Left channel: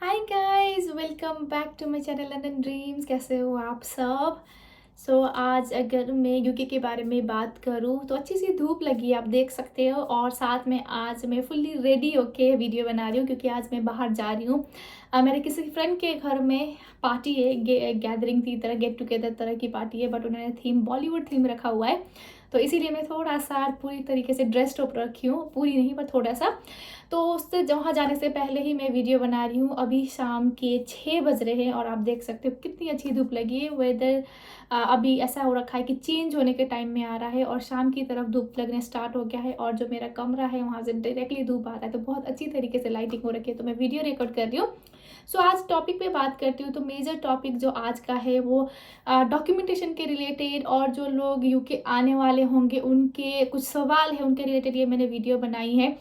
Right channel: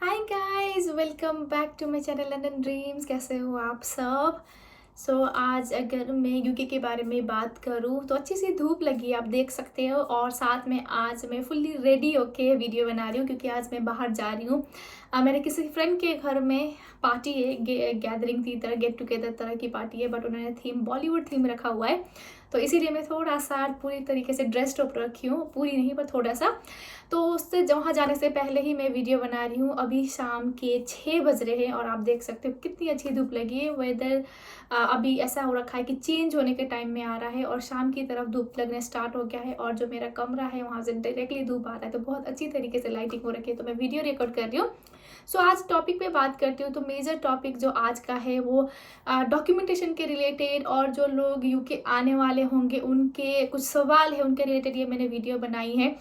Hi guys, welcome back to my channel London dreams. कैसे हो आप सब? आज अगर मैं यूके के बारे में बात करूं तो अच्छी सी धूप लगी है, आप देख सकते हो। और साथ में आज मैं फुल्ली रेडी होके वीडियो बना रही हूँ क्योंकि आज मैं बाहर जा रही हूँ। मेरे किसी फ्रेंड के घर में पार्टी है, गैदरिंग की तरह, गेट टुगेदर तरह की पार्टी है, बट उन्होंने थीम बॉलीवुड थीम रखा हुआ है। तो इसीलिए मैं थोड़ा सा पूरी तरीके से ड्रेस्ड अप रखी हूँ, पूरी नहीं पर थोड़ा सा। तो उससे वहाँ जाने से पहले ही मैं वीडियो बना रही हूँ। अभी शाम के 6 बज रहे हैं और आप देख सकते हो कितनी अच्छी धूप लगी है। वेदर अभी ऐसा हो रखा है कि चेंज होने के टाइम में आ रहा है और शाम की तरफ धूप लगने स्टार्ट हो गया है। और जो मेरा कमरा है वहाँ से डायरेक्टली धूप आता है, तो बहुत अच्छी तरीके से लाइटिंग हो रखी है। तो मैं वीडियो रिकॉर्ड कर रही हूँ। आज टॉपिक पे बात करती हूँ। तो मेजर टॉपिक जो आज का है वो डॉक्यूमेंटेशन के रिलेटेड, और जो लोग यूके आने वाले होंगे उनके कुछ सवाल है उनके रिलेटेड ये मैंने वीडियो बनाई है।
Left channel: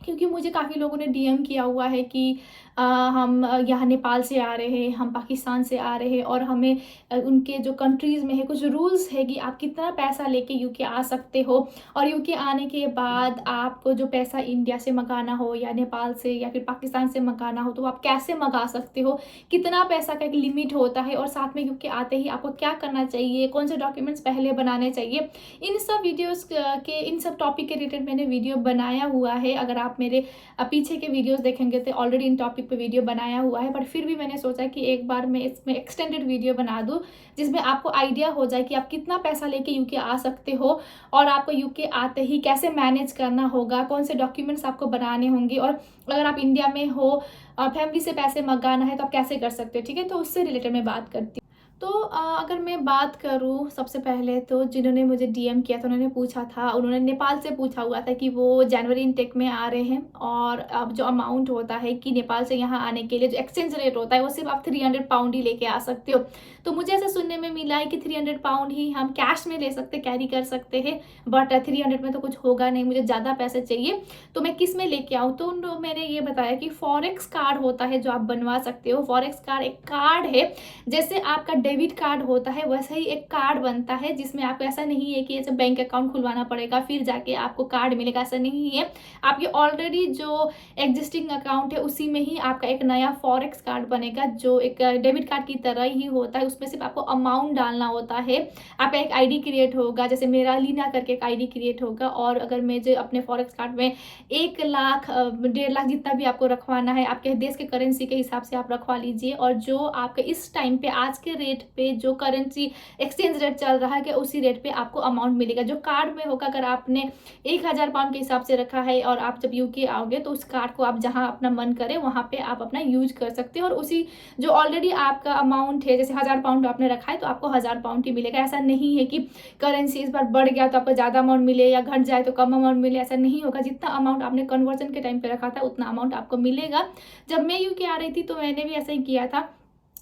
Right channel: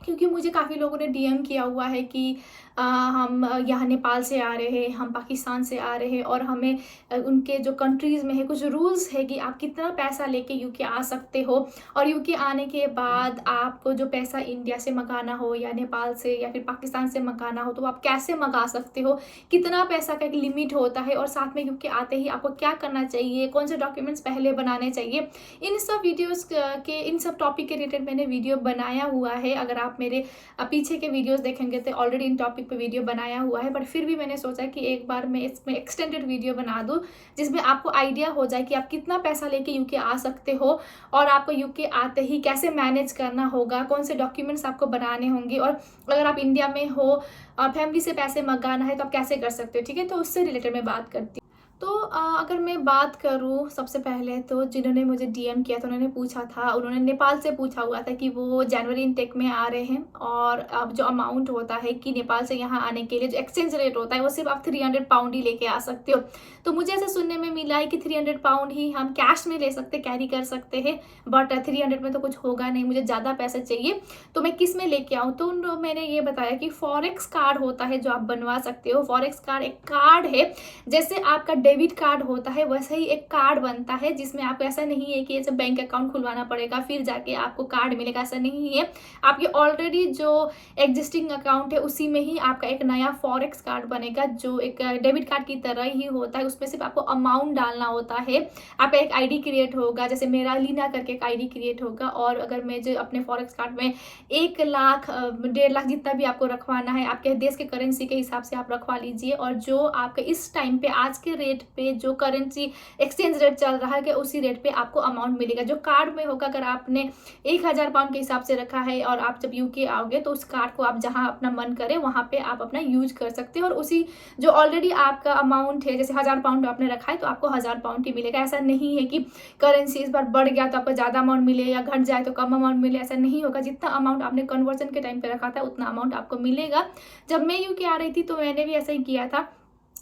क्योंकि मुझे काफ़ी लोगों ने डीएम किया हुआ है कि हम यहाँ नेपाल से आ रहे हैं, हम पाकिस्तान से आ रहे हैं, और हमें उनके जो कंट्रीज़ में है कुछ रूल्स है कि आप कितना पैसा लेके यूके आ सकते हो। और यूके आने के बाद आपको जो पैसा इंडिया से मंगाना हो या नेपाल से या फिर पाकिस्तान से मंगाना हो तो आप कैसे मंगा सकते हो, कितना पैसा का एक लिमिट होता है, और साथ में यूके आते ही आपको क्या करना चाहिए, कौन से डॉक्यूमेंट्स पहले बनाने चाहिए। इन सब वीडियोज़ के इन सब टॉपिक के रिलेटेड मैंने वीडियो बनाया हुआ है। अगर आप मेरे पीछे के वीडियोस देखेंगे तो ऑलरेडी इन टॉपिक पे वीडियो बनाया हुआ है, बट फिर भी मैंने सोचा कि एक बार मैं इसमें एक्सटेंडेड वीडियो बना दूं जिसमें आपको आइडिया हो जाए कि आप कितना पैसा लेके यूके आ सकते हो, और आपको यूके आते ही कैसे मैनेज करना होगा, कौन से डॉक्यूमेंट्स आपको बनाने होंगे, और अगर आप इंडिया में हो फैमिली से पैसे मंगाना है तो आप कैसे कर सकते हो। ठीक है, तो उससे रिलेटेड मैं बात करती हूँ। तो अगर मैं बात करूँ, सबसे पहले तो जिन्होंने मुझे डीएम किया था उन्होंने पूछा था, उन्होंने नेपाल से पूछा हुआ था कि वो जनवरी इनटेक में आ रहे हैं, और अब जो अमाउंट होता है कि नेपाल से यहाँ आने के लिए जो एक्सचेंज रेट होता है वो सिर्फ आप 300 पाउंड ही लेके आ सकते हो। तो मुझे ऐसा सुनने में मिला है कि 300 पाउंड ही हम कैश में ले सकते, कैरी कर सकते हैं, बट 300 में तो कुछ होगा नहीं, मुझे ज़्यादा पैसे चाहिए। तो मैं किस में लेके आऊँ, तो मैंने ये बताया कि फॉरेक्स कार्ड होता है जो आप बनवा सकते हो। फॉरेक्स कार्ड एक कार्ड है, जैसे आपका डेबिट कार्ड होता है वैसे ही एक कार्ड बनता है, जिसमें आपको ऐसा नहीं है कि ऐसे बैंक अकाउंट खुलवाना पड़ेगा फिर जाके आपको कार्ड मिलेगा, ऐसा नहीं है। आपके ऑलरेडी जो एग्जिस्टिंग अकाउंट है उसी में ही आपका एक नया फॉरेक्स कार्ड बनेगा जो एक डेबिट कार्ड की तरह ही होता है। उसमें सिर्फ आपको अमाउंट डालना होता है। आपका एक आईडी क्रिएट होगा, जैसे मेरा लीना करके एक आईडी क्रिएट होगा, और अगर मैं जो अपने फॉरेक्स कार्ड में 1 लाख 1.5 लाख जितना भी आपको रखवाना है आपके देश के करेंसी के हिसाब से आप रखवा लीजिए। और जो आपका इस टाइम पे आज के रेट पे जो करेंसी एक्सचेंज रेट चल रहा है कि उसी रेट पे आपको अमाउंट मिलेगा। जो कार्ड में होगा, अगर आपने 1000 पाउंड के हिसाब से रखा है और आप जब यूके आओगे तो उस कार्ड को आप जहां अपना मन करे वहां पे आप अपना यूज कर सकते हो, और उसी जो ऑलरेडी आपका अमाउंट है, जैसे 1000 पाउंड आपने रखा है तो आपको 1000 पाउंड ही मिलेगा। ऐसा नहीं है कि करेंसी इस बार बढ़ गया तो आपको ज़्यादा अमाउंट मिले या घट जाए तो कम अमाउंट मिले, ऐसा नहीं होगा। जितना अमाउंट आपने कन्वर्जन के टाइम पे रखा था उतना अमाउंट आपको मिलेगा। जब मैं यूके आ रही थी तो मैंने भी ऐसा ही किया था।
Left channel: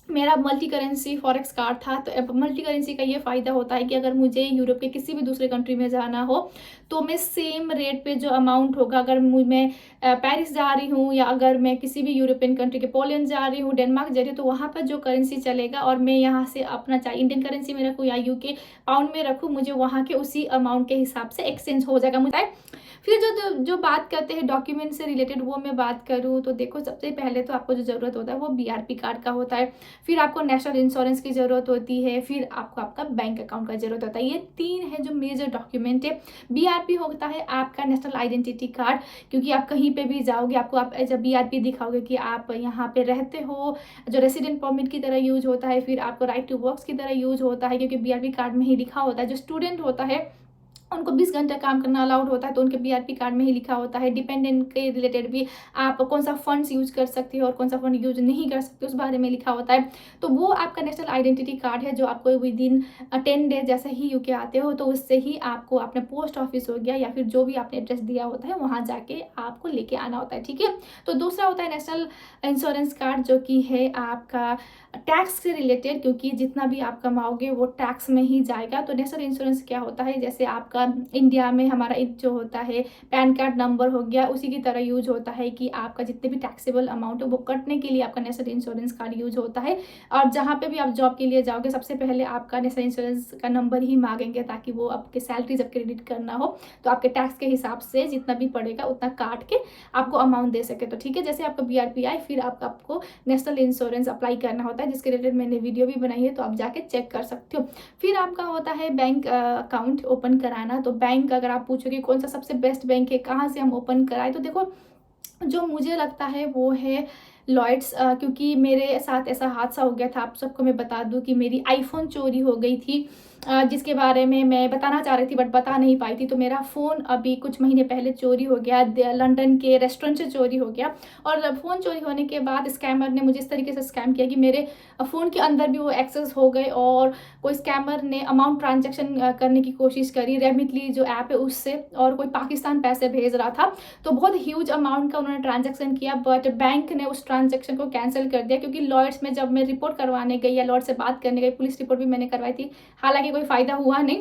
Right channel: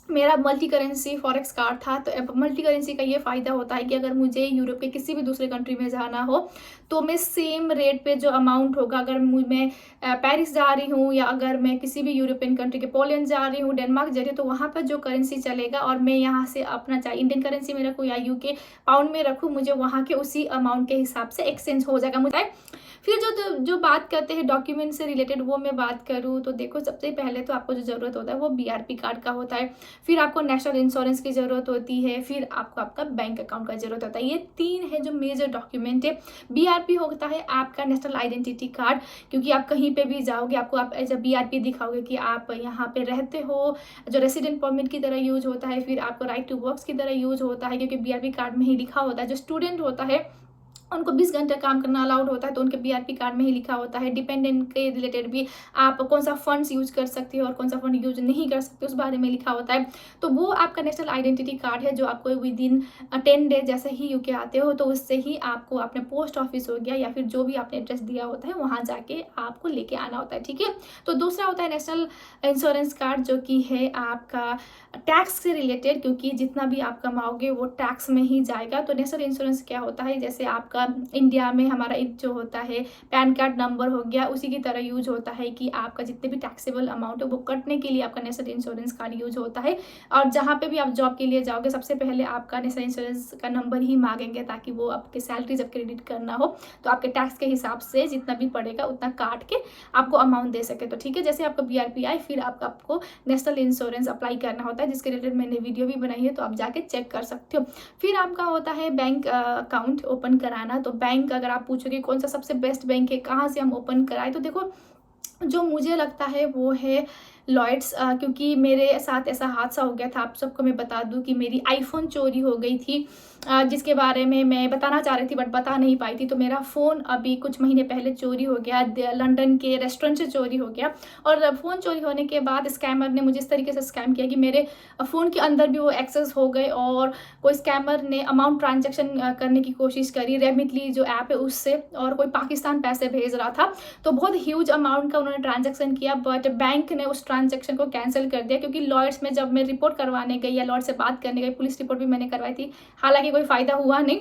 मेरा मल्टी करेंसी फॉरेक्स कार्ड था। तो मल्टी करेंसी का ये फ़ायदा होता है कि अगर मुझे यूरोप के किसी भी दूसरे कंट्री में जाना हो तो मैं सेम रेट पे जो अमाउंट होगा, अगर मैं पेरिस जा रही हूँ या अगर मैं किसी भी यूरोपियन कंट्री के पोलैंड जा रही हूँ, डेनमार्क जा रही हूँ, तो वहाँ पर जो करेंसी चलेगा और मैं यहाँ से अपना चाहे इंडियन करेंसी में रखूँ या यूके पाउंड में रखूँ, मुझे वहाँ के उसी अमाउंट के हिसाब से एक्सचेंज हो जाएगा मुझे। फिर जो बात करते हैं डॉक्यूमेंट से रिलेटेड, वो मैं बात करूँ तो देखो, सबसे पहले तो आपको जो ज़रूरत होता है वो बीआरपी कार्ड का होता है, फिर आपको नेशनल इंश्योरेंस की ज़रूरत होती है, फिर आपको आपका बैंक अकाउंट का ज़रूरत होता है। ये 3 है जो मेजर डॉक्यूमेंट है। बीआरपी होता है आपका नेशनल आइडेंटिटी कार्ड, क्योंकि आप कहीं पे भी जाओगे आपको आप एज अ बीआरपी दिखाओगे कि आप यहाँ पे रहते हो, जो रेसिडेंट परमिट की तरह यूज होता है। फिर आपको राइट टू वर्क्स की तरह यूज होता है, क्योंकि बीआरपी कार्ड में ही लिखा होता है। जो स्टूडेंट होता है उनको 20 घंटे काम करना अलाउड होता है, तो उनके बीआरपी कार्ड में ही लिखा होता है। डिपेंडेंट के रिलेटेड भी आप कौन सा फंड्स यूज कर सकते हो और कौन सा फंड यूज नहीं कर सकते उस बारे में लिखा होता है। तो वो आपका नेशनल आइडेंटिटी कार्ड है जो आपको विद इन 10 डेज जैसे ही यूके आते हो तो उससे ही आपको अपने पोस्ट ऑफिस हो गया या फिर जो भी आपने एड्रेस दिया होता है वहाँ जाके आपको लेके आना होता है। ठीक है, तो दूसरा होता है नेशनल इंश्योरेंस कार्ड, जो कि है आपका टैक्स से रिलेटेड, क्योंकि जितना भी आप कमाओगे वो टैक्स में ही जाएगा। तो नेशनल इंश्योरेंस क्या होता है, जैसे आपका आपका इंडिया में हमारा जो होता है पैन कार्ड नंबर हो गया, उसी की तरह यूज होता है कि आपका जितने भी टैक्सेबल अमाउंट है वो कटने के लिए आपका नेशनल इंश्योरेंस कार्ड यूज होता है। और जहाँ पे भी आप जॉब के लिए जाओगे सबसे पहले आपका नेशनल इंश्योरेंस का नंबर ही मांगेंगे, ताकि वो आपके सैलरी जब क्रेडिट करना हो तो आपके टैक्स के हिसाब से जितना भी पड़ेगा उतना काट के आपको अमाउंट दे सके। तो ठीक है, जैसे आपका PRPI फिर आपको नेशनल इंश्योरेंस अप्लाई करना होता है, जिसके रिलेटेड मैंने वीडियो भी बनाई है, तो आप जाके चेक कर सकते हो। फिर आपका होता है बैंक अकाउंट ओपन कराना। तो बैंक अगर आप पूछोगे कौन सा सबसे बेस्ट बैंक है, कहाँ से हम ओपन कराएं, तो देखो जो मुझे लगता है वो है लॉयड्स, क्योंकि मेरे साथ ऐसा हादसा हो गया था। आप सबको मैं बता दूं कि मेरी आईफोन चोरी हो गई थी, जिसके बारे में मैं बताना चाह रही थी बट बता नहीं पाई थी। तो मेरा फ़ोन अभी कुछ महीने पहले चोरी हो गया, लंदन के रेस्टोरेंट से चोरी हो गया। और फ़ोन चोरी होने के बाद स्कैमर ने मुझे इस तरीके से स्कैम किया कि मेरे फ़ोन के अंदर भी वो एक्सेस हो गए, और कोई स्कैमर ने अमाउंट ट्रांजेक्शन करने की कोशिश करी, रेमिटली जो ऐप है उससे, और कोई पाकिस्तान पैसे भेज रहा था। तो बहुत ह्यूज अमाउंट का उन्होंने ट्रांजेक्शन किया, बट बैंक ने उस ट्रांजेक्शन को कैंसिल कर दिया। क्योंकि लॉयड्स में जब मैं रिपोर्ट करवाने गई या लॉयड से बात करने गई, पुलिस रिपोर्ट भी मैंने करवाई थी, हालांकि कोई फ़ायदा हुआ नहीं।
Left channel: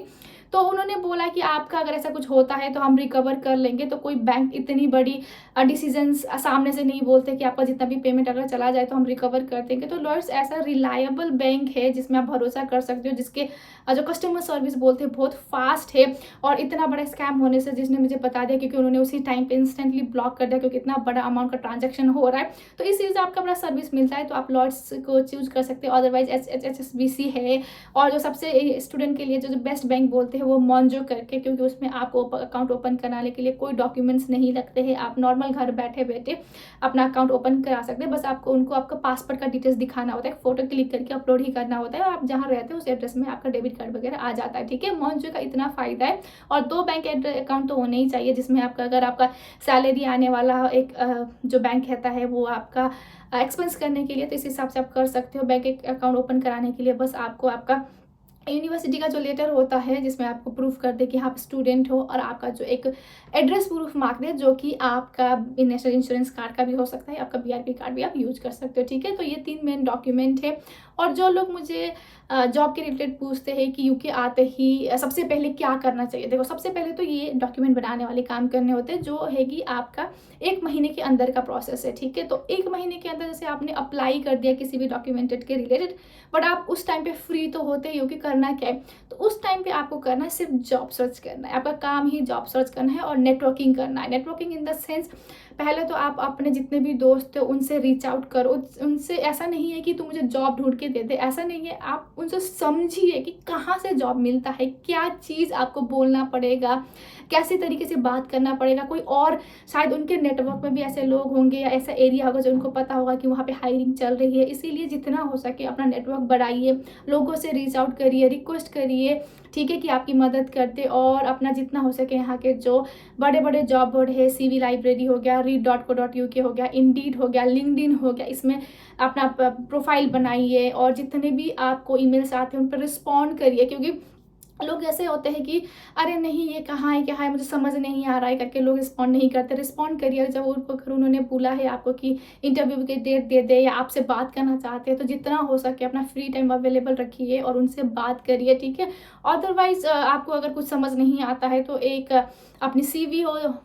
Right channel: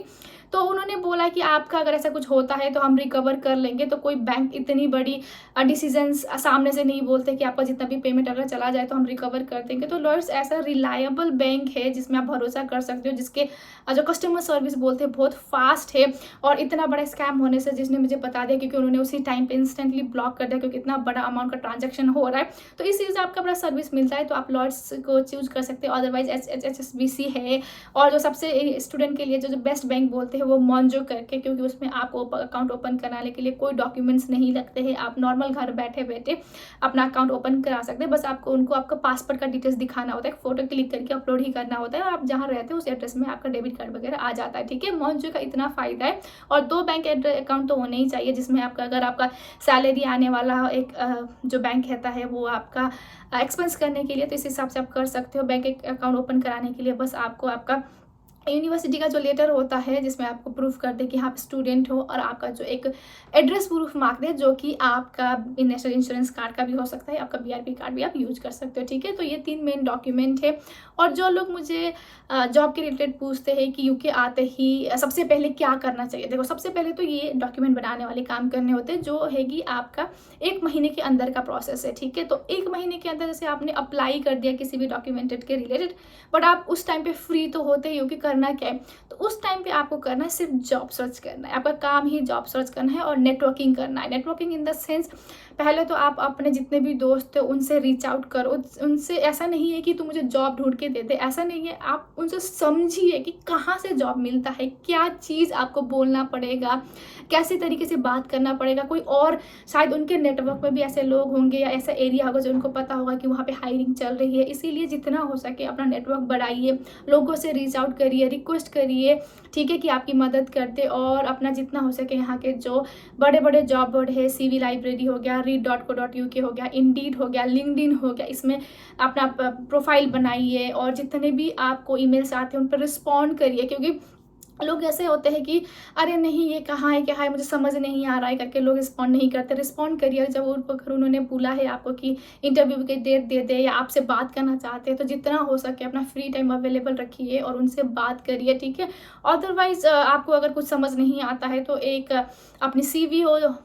तो उन्होंने बोला कि आपका अगर ऐसा कुछ होता है तो हम रिकवर कर लेंगे। तो कोई बैंक इतनी बड़ी डिसीजंस सामने से नहीं बोलते कि आपका जितना भी पेमेंट अगर चला जाए तो हम रिकवर कर देंगे। तो लॉयड्स ऐसा रिलायबल बैंक है जिसमें आप भरोसा कर सकते हो, जिसके जो कस्टमर सर्विस बोलते हैं बहुत फास्ट है। और इतना बड़ा स्कैम होने से जिसने मुझे बता दिया, क्योंकि उन्होंने उसी टाइम पे इंस्टेंटली ब्लॉक कर दिया, क्योंकि इतना बड़ा अमाउंट का ट्रांजेक्शन हो रहा है। तो इस चीज़ से आपका बड़ा सर्विस मिलता है, तो आप लॉयड्स को चूज कर सकते हो। अदरवाइज HSBC है, और जो सबसे स्टूडेंट के लिए जो बेस्ट बैंक बोलते हैं वो मॉन्जो करके, क्योंकि उसमें आपको अकाउंट ओपन कराने के लिए कोई डॉक्यूमेंट्स नहीं लगते हैं। आप नॉर्मल घर बैठे बैठे अपना अकाउंट ओपन करा सकते हैं। बस आपको उनको आपका पासपोर्ट का डिटेल्स दिखाना होता है, फोटो क्लिक करके अपलोड ही करना होता है, और आप जहाँ रहते हैं उस एड्रेस में आपका डेबिट कार्ड वगैरह आ जाता है। ठीक है, मॉन्जो का इतना फ़ायदा है। और 2 बैंक अकाउंट तो होने ही चाहिए, जिसमें आपका अगर आपका सैलरी आने वाला एक जो बैंक रहता है वो आपका एक्सपेंस करने के लिए, तो इस हिसाब से आप कर सकते हो। बैंक अकाउंट ओपन कराने के लिए बस आपको आपका यूनिवर्सिटी का जो लेटर होता है जिसमें आपको प्रूफ कर दे कि आप स्टूडेंट हो, और आपका जो एक एड्रेस प्रूफ मांग दे, जो कि आपका नेशनल इंश्योरेंस कार्ड का भी हो सकता है, आपका PRP कार्ड भी आप यूज कर सकते हो। ठीक है, तो ये 3 मेन डॉक्यूमेंट है। और जो लोग मुझे जॉब के रिलेटेड पूछते हैं कि यूके आते ही सबसे पहले क्या करना चाहिए, देखो सबसे पहले तो ये डॉक्यूमेंट बनाने वाले काम करने होते हैं, जो है कि आपका 1 महीने के अंदर का प्रोसेस है। ठीक है, तो 1 महीने के अंदर जैसे आपने अप्लाई कर दिया किसी भी डॉक्यूमेंटेड के रिलेटेड, बट आप उस टाइम पे फ्री तो होते ही हो कि करना क्या है, तो उस टाइम पे आपको करना है सिर्फ जॉब सर्च करना है। आपका काम ही जॉब सर्च करना है और नेटवर्किंग करना है। नेटवर्किंग इन द सेंस, पहले तो आप अपने जितने भी दोस्त हैं उनसे रीच आउट करो। उनसे ऐसा नहीं है कि तुम मुझे जॉब ढूंढ के दे दे, ऐसा नहीं है। आप उनसे समझिए कि कहाँ से जॉब मिलता है, क्या चीज़ आपको बोलना पड़ेगा, कैसे तरीके से बात करना पड़ेगा। कोई और शायद उनके नेटवर्क में भी ऐसे लोग होंगे या ऐसा एरिया होगा जो उनको पता होगा कि वहाँ पे हायरिंग चल रही है। इसीलिए जितना हो सके अपना नेटवर्क बढ़ाइए, लोगों से रीच आउट करिए, रिक्वेस्ट करिए, ठीक है, कि आपकी मदद करते। और अपना जितना हो सके यहाँ के जो बड़े बड़े जॉब बोर्ड है, CV लाइब्रेरी हो गया, read.co.uk हो गया, इंडीड हो गया, लिंक्डइन हो गया, इसमें अपना प्रोफाइल बनाइए, और जितने भी आपको ईमेल्स आते हैं उन पर रिस्पॉन्ड करिए। क्योंकि लोग ऐसे होते हैं कि अरे नहीं ये कहाँ है, क्या है, मुझे समझ नहीं आ रहा है करके लोग रिस्पॉन्ड नहीं करते। रिस्पॉन्ड करिए। जब उन्होंने बोला है आपको कि इंटरव्यू की डेट दे दे या आपसे बात करना चाहते हैं, तो जितना हो सके अपना फ्री टाइम अवेलेबल रखिए और उनसे बात करिए। ठीक है, अदरवाइज आपको अगर कुछ समझ नहीं आता है तो एक अपनी CV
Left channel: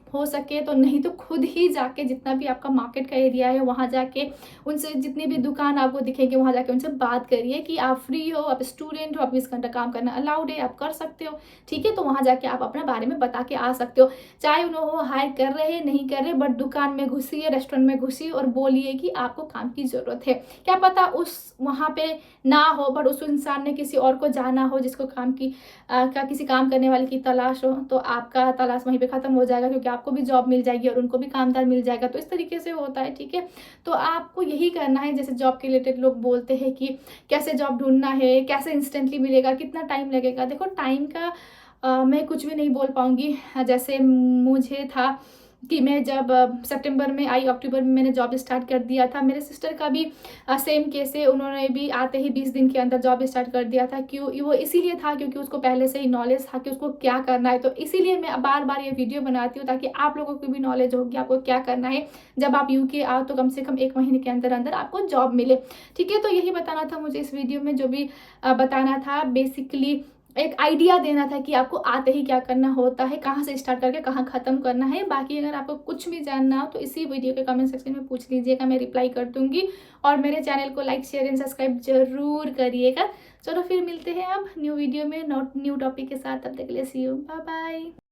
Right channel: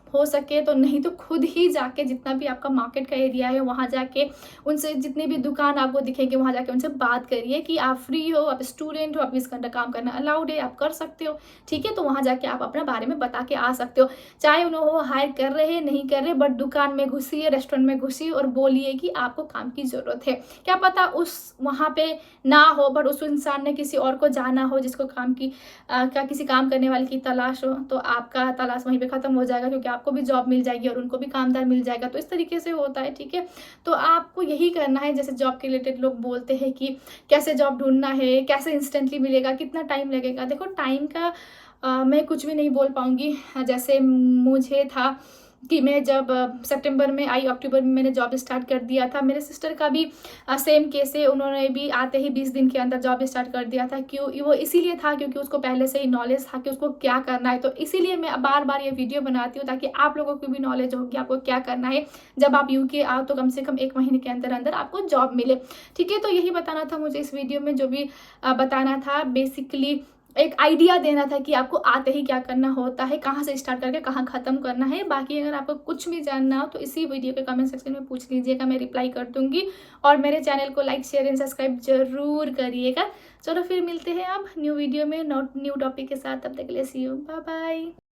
हो सके तो, नहीं तो खुद ही जाके जितना भी आपका मार्केट का एरिया है वहाँ जाके उनसे, जितनी भी दुकान आपको दिखेंगे वहाँ जाके उनसे बात करिए कि आप फ्री हो, आप स्टूडेंट हो, आप 20 घंटा काम करना अलाउड है, आप कर सकते हो। ठीक है, तो वहाँ जाके आप अपने बारे में बता के आ सकते हो, चाहे उन्होंने हायर कर रहे हैं नहीं कर रहे, बट दुकान में घुसिए, रेस्टोरेंट में घुसिए और बोलिए कि आपको काम की ज़रूरत है। क्या पता उस वहाँ पे ना हो, बट उस इंसान ने किसी और को जाना हो जिसको काम की किसी काम करने वाले की तलाश हो, तो आपका तलाश वहीं पे ख़त्म हो जाएगा, क्योंकि आपको भी जॉब मिल जाएगी और उनको भी कामदार मिल जाएगा। तो इस तरीके से होता है। ठीक है, तो आपको यही करना है। जैसे जॉब के रिलेटेड लोग बोलते हैं कि कैसे जॉब ढूंढना है, कैसे इंस्टेंटली मिलेगा, कितना टाइम लगेगा। देखो टाइम का मैं कुछ भी नहीं बोल पाऊँगी। जैसे मुझे था कि मैं जब सितंबर में आई, अक्टूबर में मैंने जॉब स्टार्ट कर दिया था। मेरे सिस्टर का भी सेम केस है, उन्होंने भी आते ही 20 दिन के अंदर जॉब स्टार्ट कर दिया था। क्यों? वो इसीलिए था क्योंकि उसको पहले से ही नॉलेज था कि उसको क्या करना है। तो इसीलिए मैं बार बार ये वीडियो बनाती हूँ ताकि आप लोगों को भी नॉलेज होगी आपको क्या करना है। जब आप UK आओ तो कम से कम 1 महीने के अंदर अंदर आपको जॉब मिले। ठीक है, तो यही बताना था मुझे इस वीडियो में, जो भी बताना था। बेसिकली एक आइडिया देना था कि आपको आते ही क्या करना होता है, कहाँ से स्टार्ट करके कहाँ ख़त्म करना है। बाकी अगर आपको कुछ भी जानना हो तो इसी वीडियो के कमेंट सेक्शन में पूछ लीजिएगा, मैं रिप्लाई कर दूँगी। और मेरे चैनल को लाइक, शेयर एंड सब्सक्राइब ज़रूर करिएगा। चलो फिर मिलते हैं अब न्यू वीडियो में न्यू टॉपिक के साथ। तब तक के लिए सी यू, बाय बाय।